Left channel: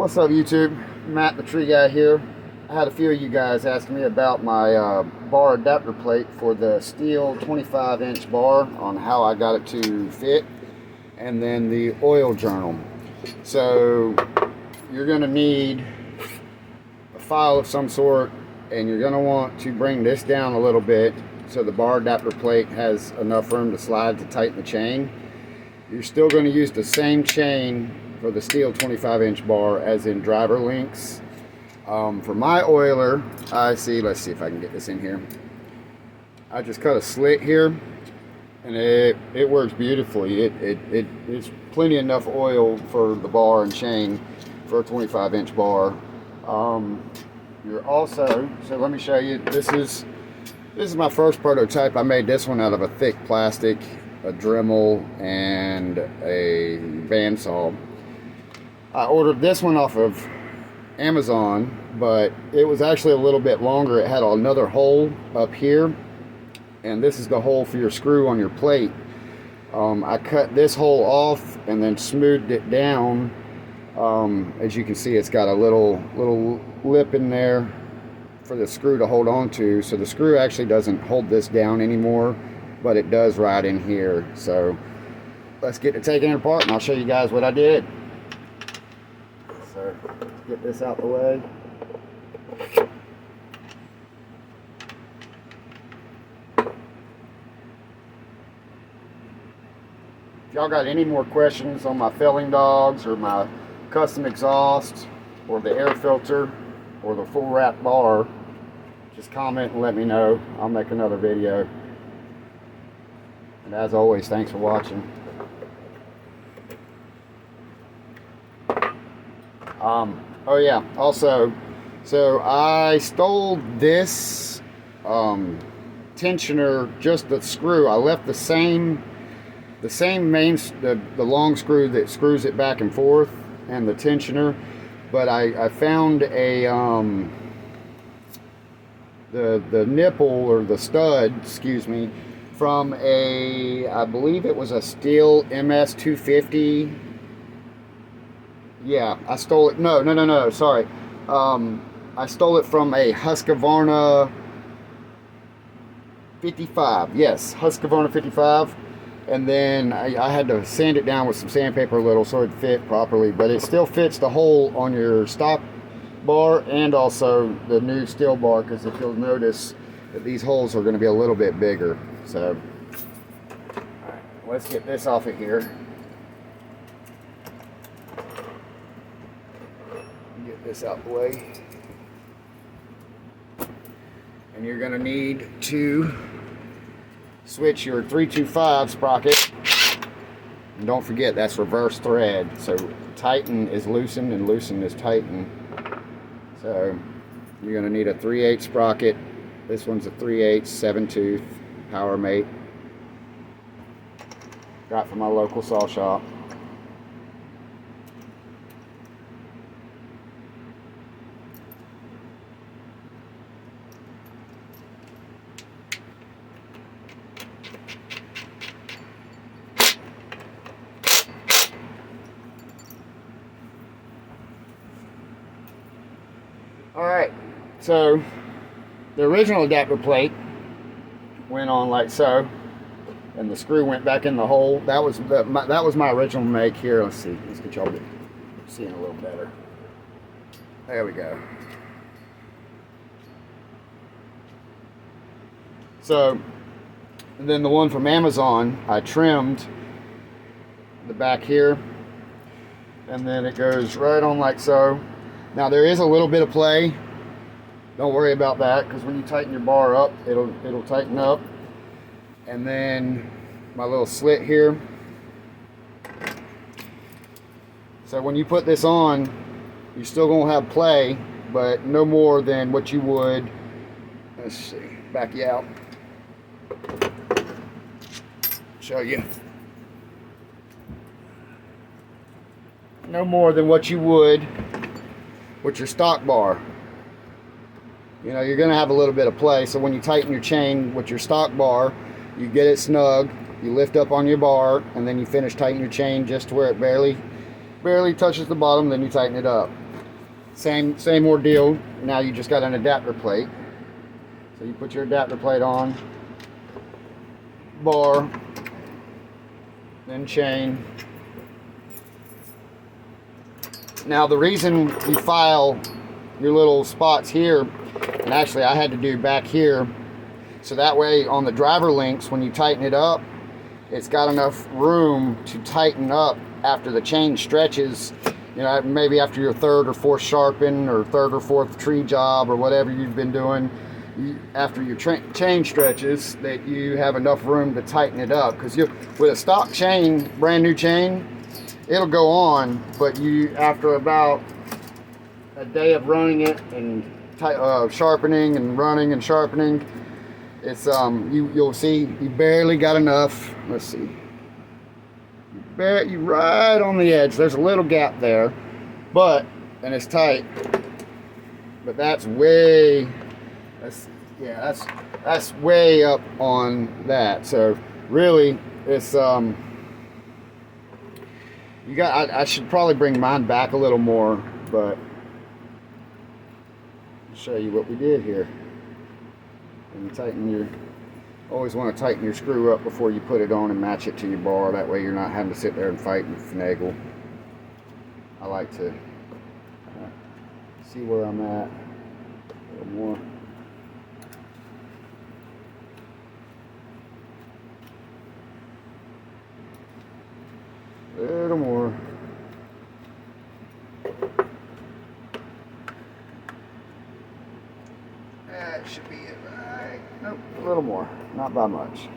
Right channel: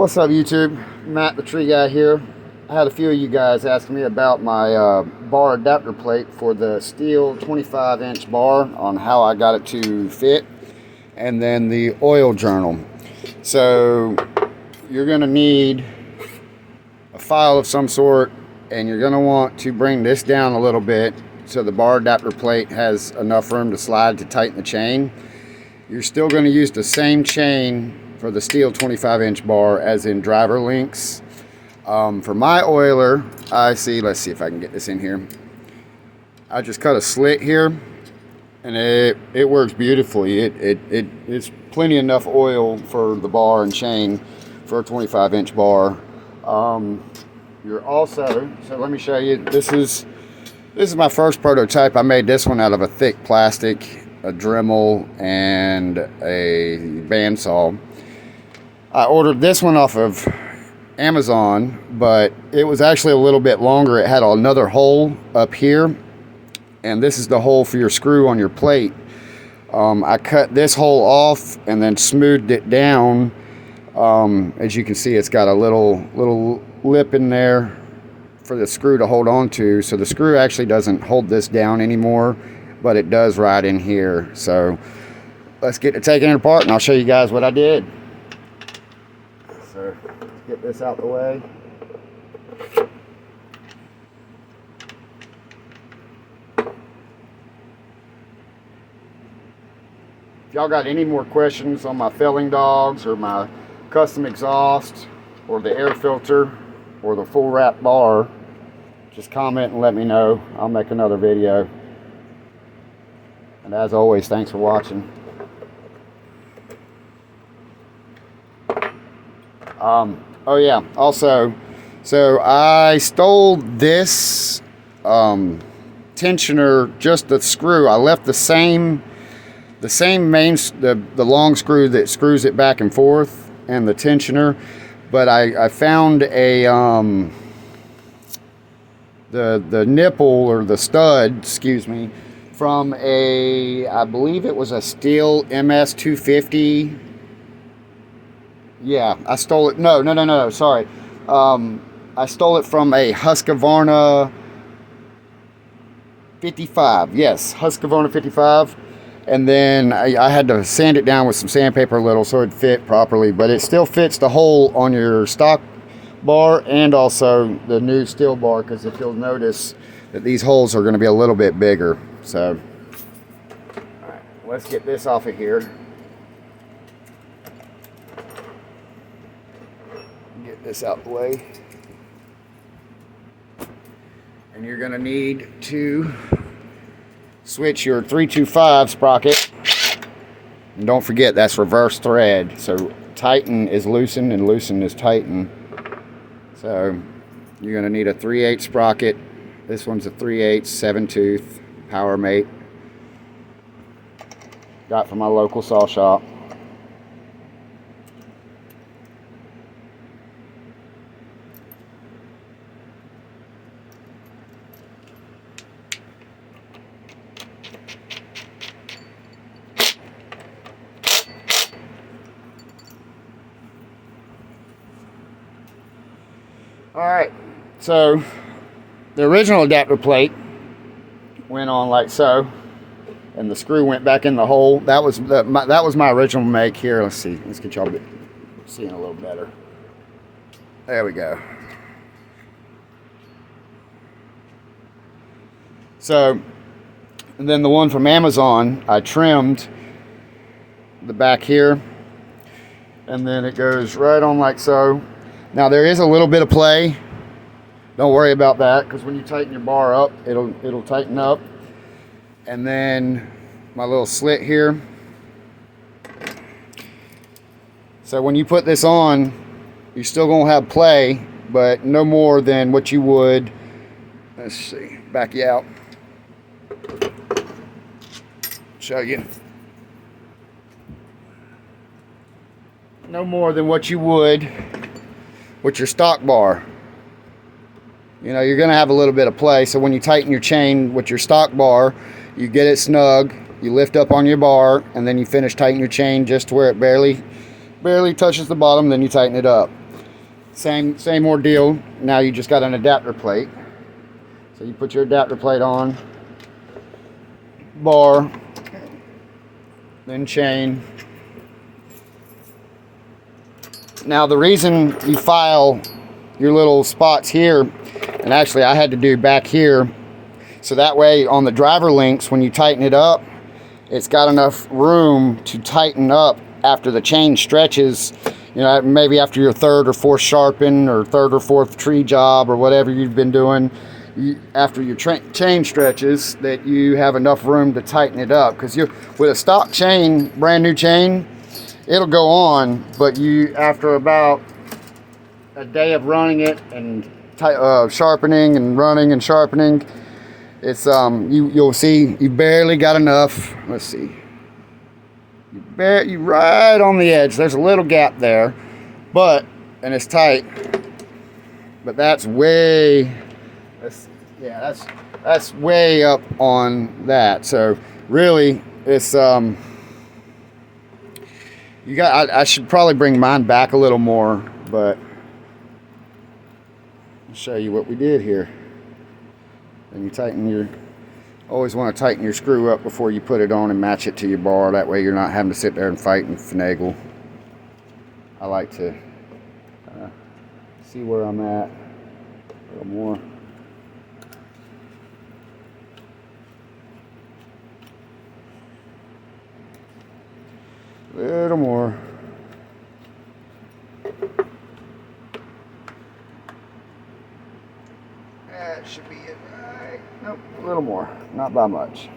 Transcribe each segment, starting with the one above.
What's up, YouTube? Matt the Tree Guy here. I had a few of you guys asking me about my bar adapter plate for the Stihl 25-inch bar, on how I got it to fit, and then the oil journal. So you're going to need a file of some sort, and you're going to want to bring this down a little bit so the bar adapter plate has enough room to slide to tighten the chain. You're still going to use the same chain for the Stihl 25-inch bar as in driver links. For my oiler, let's see if I can get this in here. I just cut a slit here, and it works beautifully. It's plenty enough oil for the bar and chain for a 25-inch bar. You're also, so let me show you. This is my first prototype. I made this one out of a thick plastic, a Dremel, and a bandsaw. I ordered this one off of Amazon, but it was actually a little bit longer. It had another hole up here, and this is the hole for your screw on your plate. I cut this hole off and then smoothed it down. As you can see, it's got a little lip in there for the screw to hold on to, so the screw actually doesn't hold this down anymore, but it does right in here. So let's get to taking it apart, and I'll show you guys what I did. So let's get this out the way. If y'all got any more questions on my felling dogs, or my custom exhaust, or the air filter, or the full wrap bar, just comment and let me know. I'll make another video. And as always, thanks for watching. Oh yeah, also, so I stole this tensioner, just the screw. I left the same main, the long screw that screws it back and forth, and the tensioner, but I found a the nipple, or the stud, excuse me, from I believe it was a Stihl MS250. Yeah, I stole it. No, sorry. I stole it from a Husqvarna 55. Yes, Husqvarna 55. And then I had to sand it down with some sandpaper a little so it fit properly, but it still fits the hole on your stock bar and also the new Stihl bar, because if you'll notice that these holes are going to be a little bit bigger. So let's get this off of here. Get this out the way. And you're going to need to switch your 325 sprocket. And don't forget, that's reverse thread. So tighten is loosen and loosen is tighten. So you're going to need a 3/8 sprocket. This one's a 3/8 7-tooth Power Mate. Got from my local saw shop. Alright, so the original adapter plate went on like so, and the screw went back in the hole. That was my original make. Here, let's see. Let's get y'all seeing a little better. There we go. So, and then the one from Amazon, I trimmed the back here, and then it goes right on like so. Now there is a little bit of play. Don't worry about that, because when you tighten your bar up, it'll tighten up. And then my little slit here. So when you put this on, you're still gonna have play, but no more than what you would. Let's see, back you out. Show you. No more than what you would with your stock bar. You know, you're going to have a little bit of play, so when you tighten your chain with your stock bar, you get it snug, you lift up on your bar, and then you finish tightening your chain just to where it barely touches the bottom, then you tighten it up. Same ordeal. Now you just got an adapter plate. So you put your adapter plate on, bar, then chain. Now the reason you file your little spots here, and actually I had to do back here, so that way on the driver links, when you tighten it up, it's got enough room to tighten up after the chain stretches. You know, maybe after your third or fourth sharpen or third or fourth tree job or whatever you've been doing, after your chain stretches, that you have enough room to tighten it up. Because with a stock chain, brand new chain, it'll go on, but you, after about a day of running it and sharpening and running and sharpening, it's you'll see you barely got enough. Let's see, you right on the edge. There's a little gap there, and it's tight, but that's way that's way up on that. So really, it's you got. I should probably bring mine back a little more, but I'll show you what we did here. And you tighten your, always want to tighten your screw up before you put it on and match it to your bar. That way you're not having to sit there and fight and finagle. I like to see where I'm at a little more. A little more. That should be it, right? Nope, a little more, not by much.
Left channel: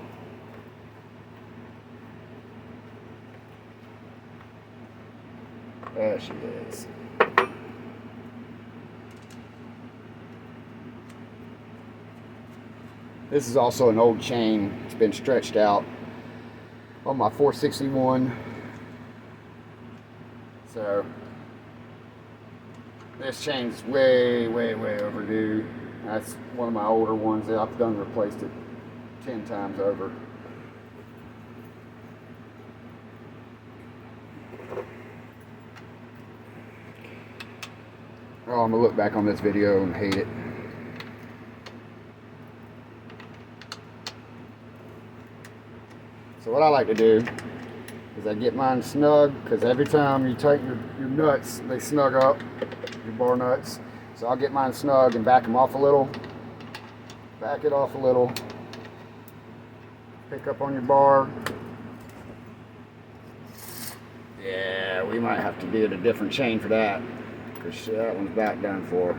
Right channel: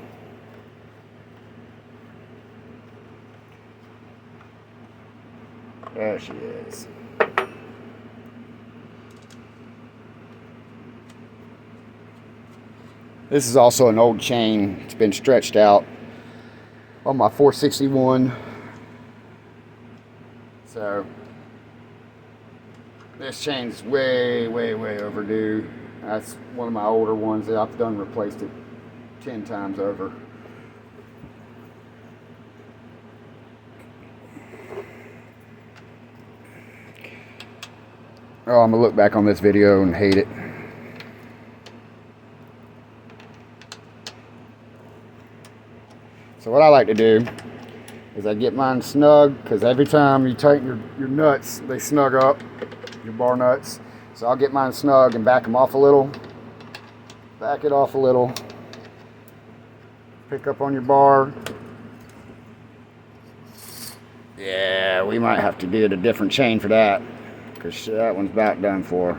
There she is. This is also an old chain. It's been stretched out on my 461. So this chain's way overdue. That's one of my older ones that I've done replaced it 10 times over. Oh, I'm gonna look back on this video and hate it. So what I like to do is I get mine snug, because every time you tighten your nuts, they snug up, your bar nuts. So I'll get mine snug and back them off a little. Back it off a little. Pick up on your bar. Yeah, we might have to get a different chain for that, because that one's about done for.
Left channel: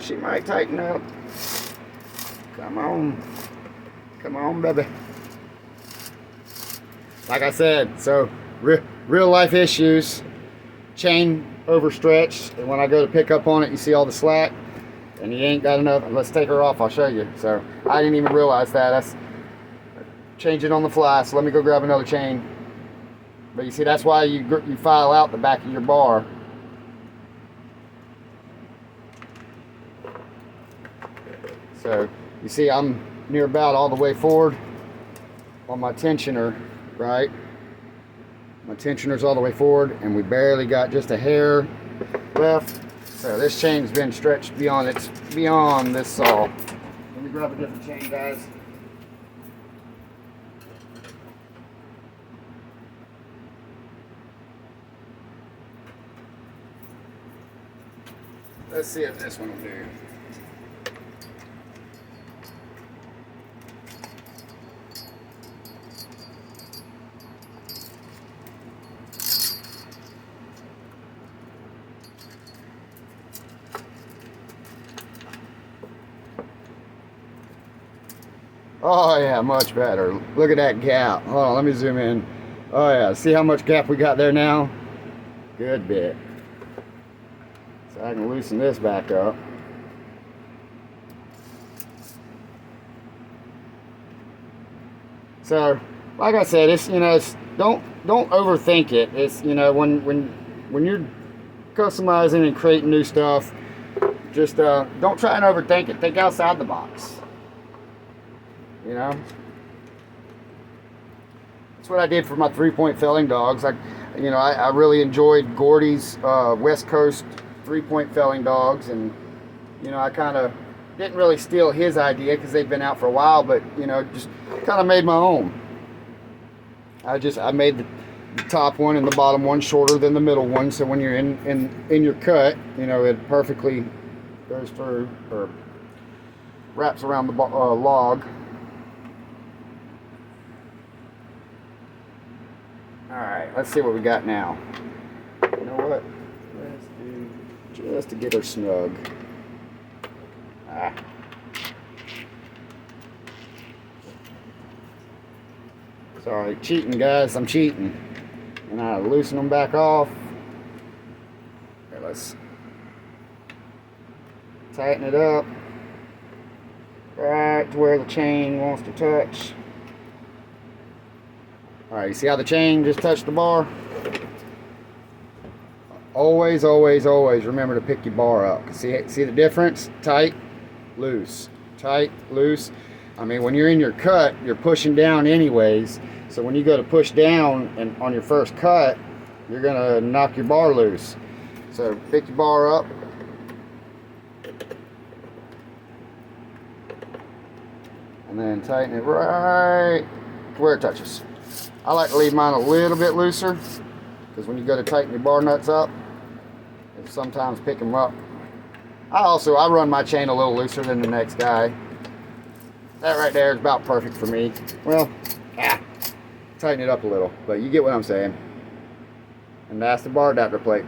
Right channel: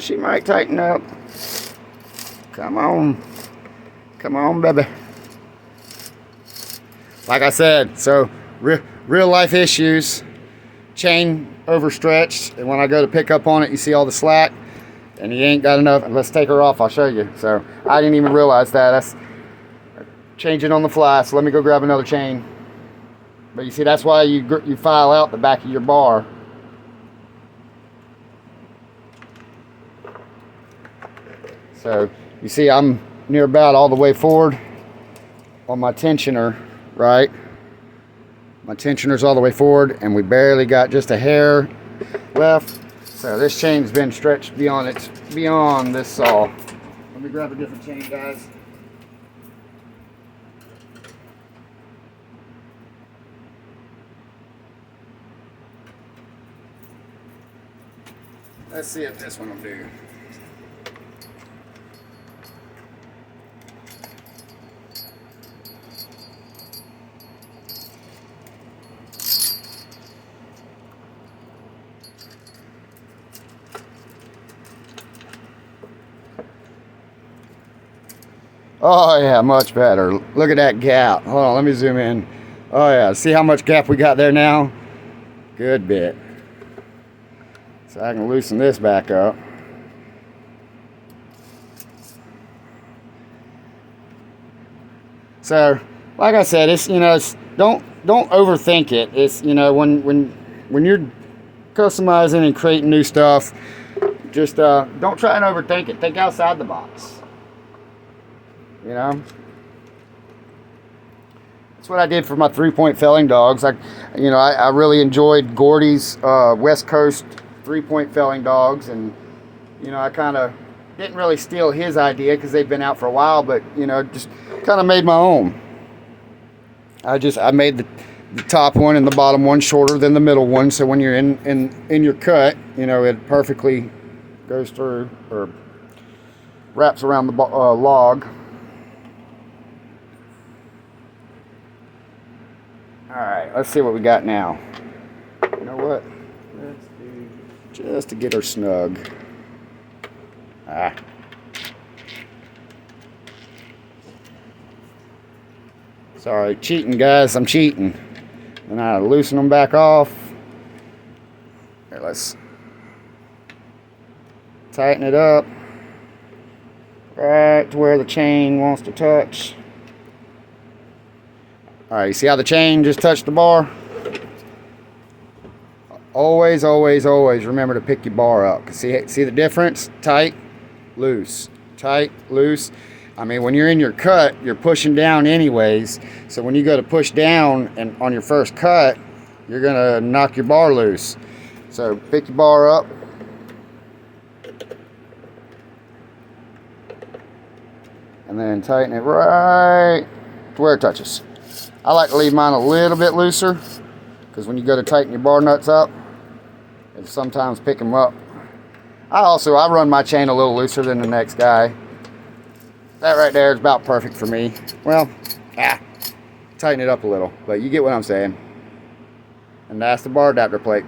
She might tighten up. Come on. Come on, baby. Like I said, so real life issues. Chain overstretched, and when I go to pick up on it, you see all the slack, and you ain't got enough. Let's take her off, I'll show you. So I didn't even realize that. That's change it on the fly, so let me go grab another chain. But you see, that's why you file out the back of your bar. So you see, I'm near about all the way forward on my tensioner, right? My tensioner's all the way forward, and we barely got just a hair left. So this chain's been stretched beyond this saw. Let me grab a different chain, guys. Let's see if this one will do. Oh yeah, much better. Look at that gap. Hold on, let me zoom in. Oh yeah, see how much gap we got there now? Good bit. So I can loosen this back up. So, like I said, it's, you know, it's, don't overthink it. It's, you know, when you're customizing and creating new stuff, just don't try and overthink it. Think outside the box. You know, That's what I did for my 3-point felling dogs. I really enjoyed Gordy's West Coast 3-point felling dogs, and I kind of didn't really steal his idea because they've been out for a while, but just kind of made my own. I made the top one and the bottom one shorter than the middle one, so when you're in your cut, it perfectly goes through or wraps around the log. Alright, let's see what we got now. You know what? Let's do just to get her snug. Sorry, cheating, guys. I'm cheating. And I loosen them back off. Here, let's tighten it up right to where the chain wants to touch. Alright, you see how the chain just touched the bar? Always, always, always remember to pick your bar up. See the difference? Tight, loose. Tight, loose. I mean, when you're in your cut, you're pushing down anyways. So when you go to push down and on your first cut, you're going to knock your bar loose. So pick your bar up. And then tighten it right to where it touches. I like to leave mine a little bit looser, because when you go to tighten your bar nuts up, it'll sometimes pick them up. I run my chain a little looser than the next guy. That right there is about perfect for me. Well, tighten it up a little, but you get what I'm saying. And that's the bar adapter plate.